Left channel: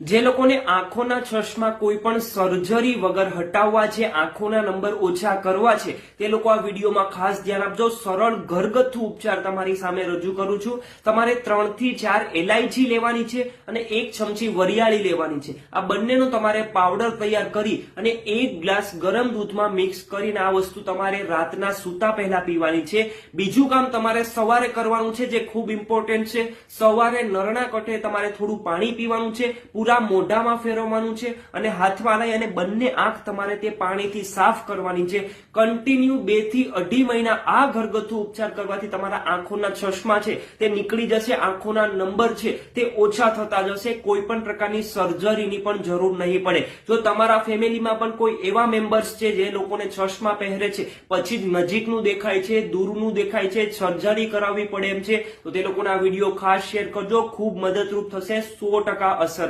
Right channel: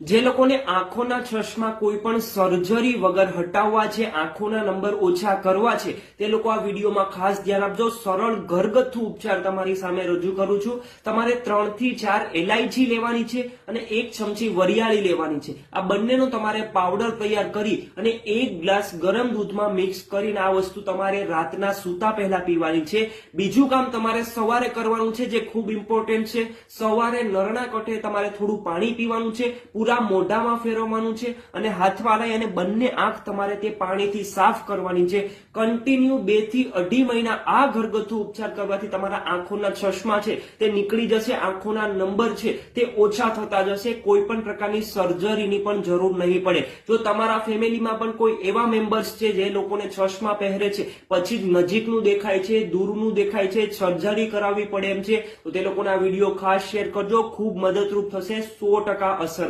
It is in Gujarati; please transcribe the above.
જે લોકોને આંખોના ચશ્મા કોઈ પણ સર્જરી વગર હટાવવા છે, આંખોના નંબર ઓછા કરવા છે, તે લોકો આ વિડીયોમાં ખાસ ધ્યાન આપજો. સરળ ઘરગથ્થુ ઉપચાર તમારી સામે રજૂ કરું છું. તમારે 3 થી 4 એલાયચી લેવાની છે અને 1 ચમચી વરિયાળી લેવાની છે. આ બંનેનો તમારે પાવડર તૈયાર કરી અને 1 ગ્લાસ ગરમ દૂધમાં મિક્સ કરીને આ વસ્તુ તમારે રાતના સૂતા પહેલા પીવાની છે. બીજું કામ તમારે સવારે કરવાનું છે, જે ખૂબ ઇમ્પોર્ટન્ટ છે. સવારે નરણા કઠે તમારે થોડું પાણી પીવાનું છે, પૂરા મોઢામાં ફેરવવાનું છે અને હાથમાં લઈ અને બંને આંખ તમારે તે પાણીથી સાફ કરવાની છે. કન્ટિન્યુ 2 થી 2.5 મહિના આ ઘરગથ્થુ ઉપચાર કરવાથી તમારા આંખોના ચશ્મા છે તે નીકળી જશે, આંખોના નંબર છે તે ઓછા થતા જશે. કોઈ પણ પ્રકારની સર્જરીની પણ જરૂર નહીં પડે. જો તમારા ફેમિલીમાં પણ કોઈ એવા મેમ્બર્સ છે જે લોકોને ચશ્મા પહેરે છે, પછી નજીકનું દેખાય છે, દૂરનું દેખાય છે, સર્જરી કરાવવી પડે એમ છે, તો તે લોકોના વિડીયો ખાસ શેર કરજો. ખૂબ મદદરૂપ થશે, 100% અસર